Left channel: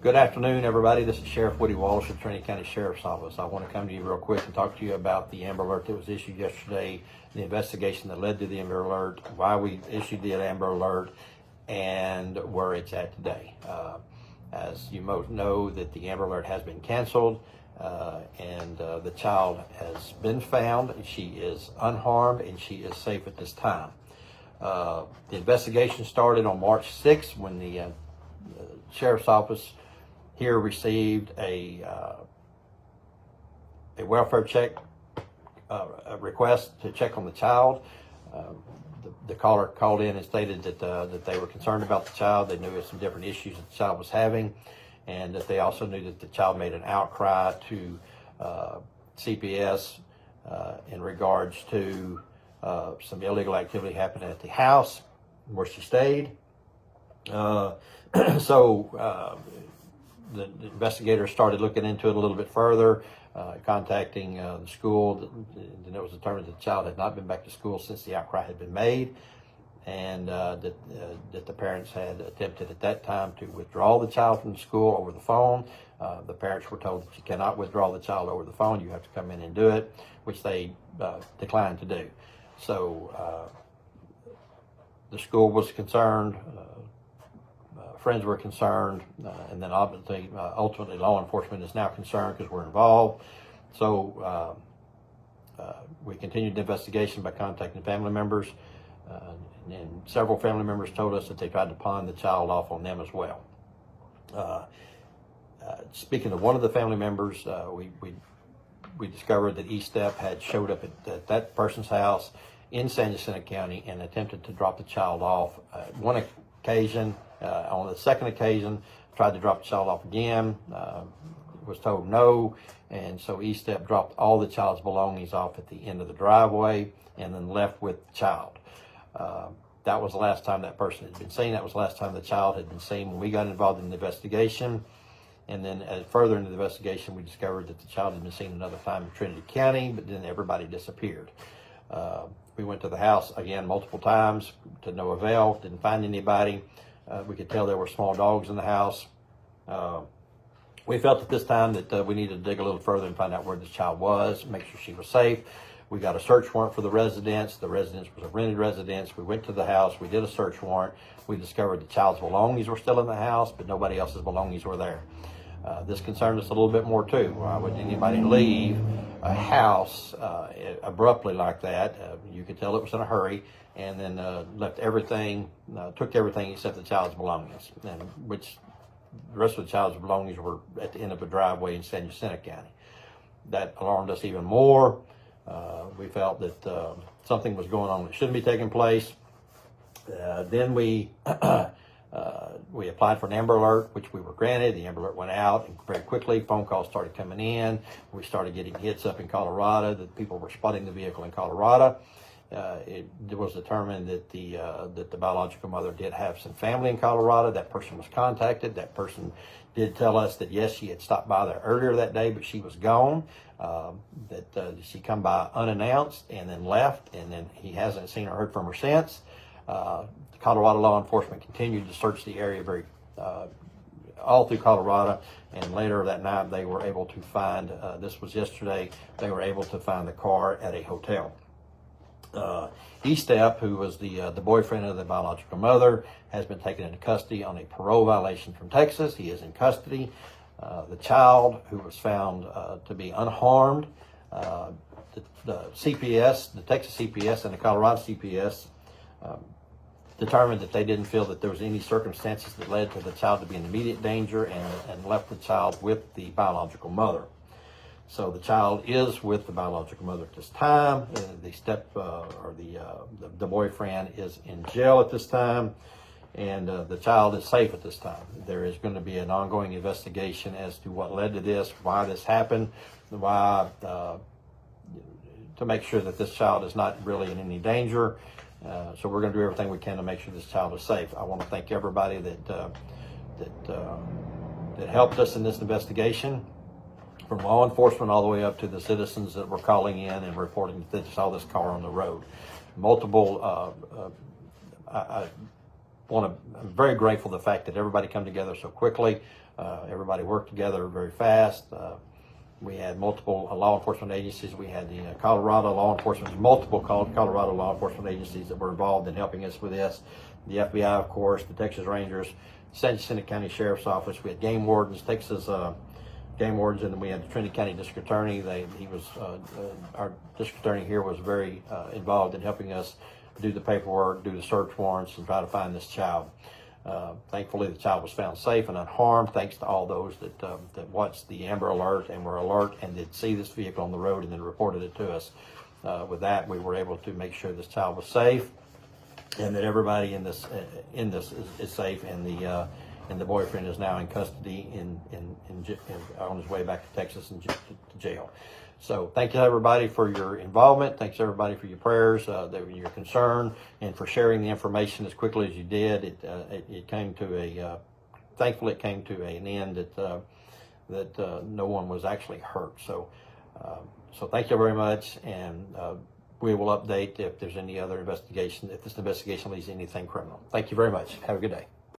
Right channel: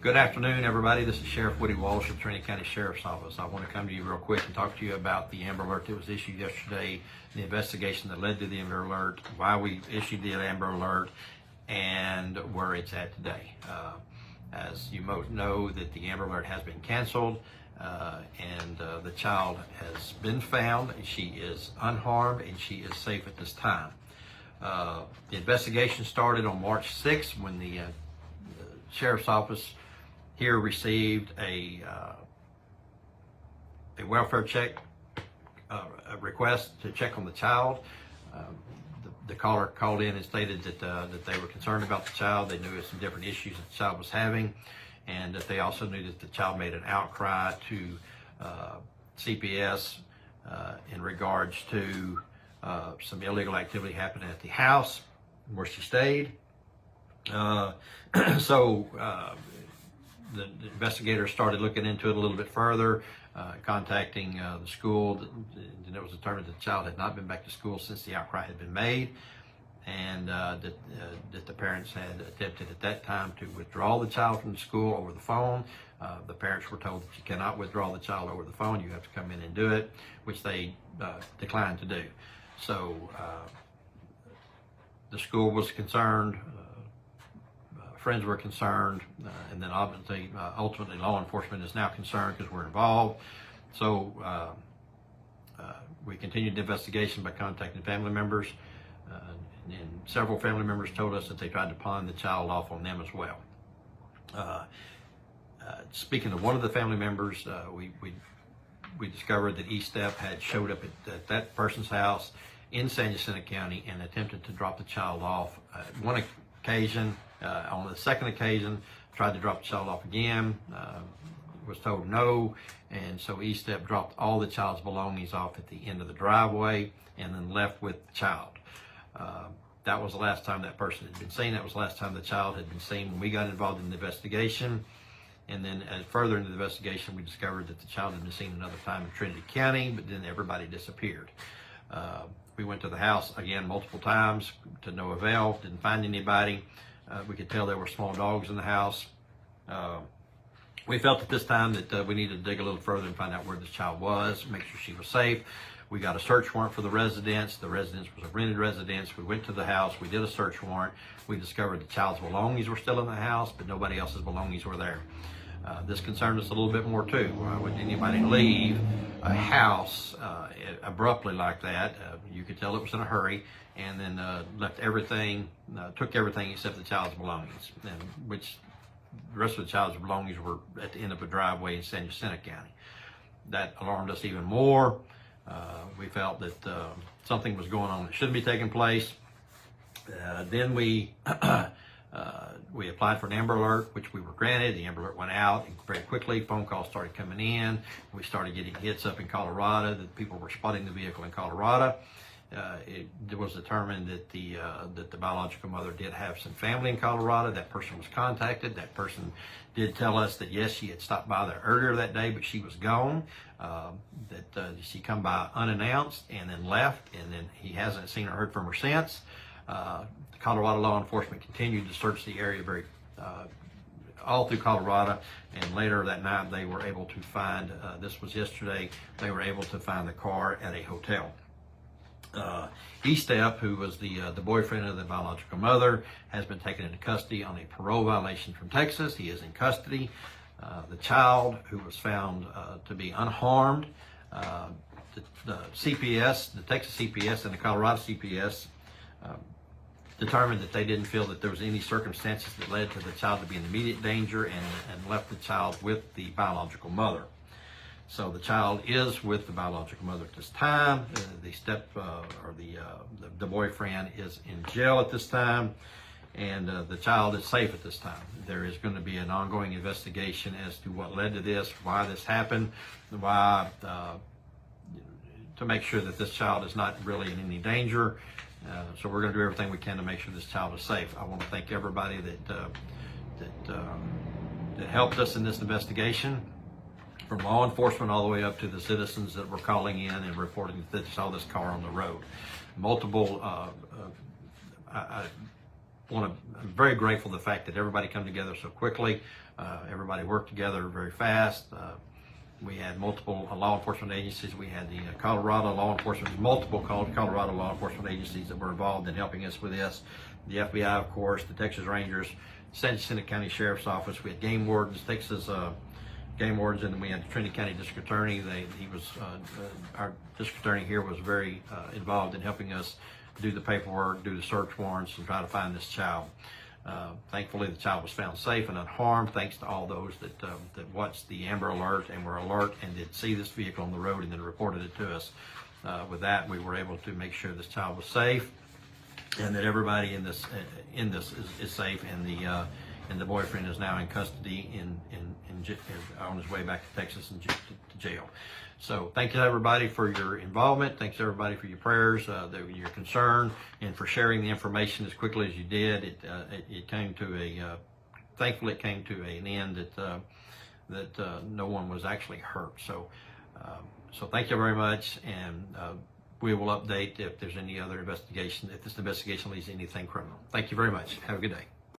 Good afternoon, everybody. This is Sheriff Woody Wallace of Trinity County Sheriff's Office. I want to come to you real quick and talk to you about the Amber Alert that was issued yesterday, the investigation that led to the Amber Alert, why we issued the Amber Alert, and where it's at today. As you most know, that the Amber Alert has been canceled, and the child has been found. She is unharmed, and she is safe at this time. The investigation started on March 6th when the Sheriff's Office here received a welfare check, a request to check on the child. The caller called in and stated that they were concerned about the child. They knew some different issues that the child was having, and that they also knew that the child made an outcry to CPS in regards to some illegal activity happening at the house where she stayed. The investigators started looking into it a little bit further, contacting the school, and it was determined that the child had not been back to school since the outcry had been made, and that the parents had attempted at that time to withdraw the child from the school over the phone. The parents were told that you cannot withdraw the child over the phone, you have to come in and do it, which they declined to do. So the school was concerned, friends were concerned, and then ultimately law enforcement is now concerned because we're involved. So we continued the investigation by contacting family members, and several family members told us that they tried to pawn the child off on them as well. Speaking of one of the family members, we discovered that E-Step had showed up at that person's house in San Jacinto County and attempted to drop the child off one occasion. On the second occasion, tried to drop the child off again, was told no, and so E-Step dropped all the child's belongings off at the end of the driveway and then left with the child. That was the last time that person had been seen. That was the last time the child had been seen when we got involved in the investigation. And then further into the investigation, we discovered that the child had been seen another time in Trinity County, but then everybody disappeared. We went to the house again multiple times to no avail, didn't find anybody. We could tell there were small dogs in the house. We felt at this time that we needed to dig a little further and find out where the child was, make sure she was safe. We got a search warrant for the residence. The residence was a rented residence. We went to the house. We did a search warrant. We discovered the child's belongings were still in the house, but nobody else's belongings were there. This concerned us a little bit more too. Why would anybody leave a house abruptly like that? You could tell it was in a hurry, and then left everything, took everything except the child's belongings, and which the rest of the child's belongings were at the end of a driveway in San Jacinto County. That alarmed us even more. We felt that something was going on that shouldn't be taking place. Then we applied for an Amber Alert, which we were granted. The Amber Alert went out and very quickly. Phone calls started coming in. We started getting hits up in Colorado that people were spotting the vehicle in Colorado. It was determined that the biological mother did have some family in Colorado. That person was contacted. That person did tell us that yes, she had stopped by there earlier that day, but she was gone. That she come by unannounced and then left, and then he hasn't seen or heard from her since. Colorado law enforcement continued to search the area all through Colorado, and later that night they were able to find, this was yesterday, they were able to find the car at a hotel. E-Step, who was the boyfriend of the biological mother, has been taken into custody on a parole violation from Texas. He is in custody. The child, who was found to be unharmed, the CPS, the Texas CPS and the Colorado CPS determined that they didn't feel that there was any circumstances that led to the child to be in immediate danger, and left the child with the biological mother. So the child is with the biological mother at this time. The boyfriend is in jail at this time, and the child is safe at this time. There is going to be an ongoing investigation as to what led to this, why this happened, why to make sure that this child is not really in any danger. So we're going to do everything we can to make sure this child is safe. I want to thank everybody that helped us in this investigation, from law enforcement all the way up to the citizens that were calling in and reporting that they saw this car on the road. Multiple I'm very grateful for the fact that everybody come together so quickly. Everybody worked together very fast. We had multiple law enforcement agencies. We had the Colorado law enforcement, multiple Colorado law enforcement agencies that were involved in helping us with this. The FBI, of course, the Texas Rangers, San Jacinto County Sheriff's Office. We had game wardens, Texas game wardens, and then we had the Trinity County District Attorney. Our district attorney here was very involved in helping us do the paperwork, do the search warrants, and try to find this child. Thankfully, the child was found safe and unharmed, thanks to all those that watched the Amber Alert and were alert and did see this vehicle on the road and then reported it to us. With that, we were able to make sure this child was safe and that everybody in this is safe, and the boyfriend is now in custody on his way back to Texas and to jail. So thank you everybody for your involvement. Thanks everybody for your prayers, your concern, and for sharing the information as quickly as you did. It came to thankfully it came to an end that no one was actually hurt. So thank you very much, and we will update if there's any other investigation, if this investigation leads to anything criminal. Thank you very much. Have a good day.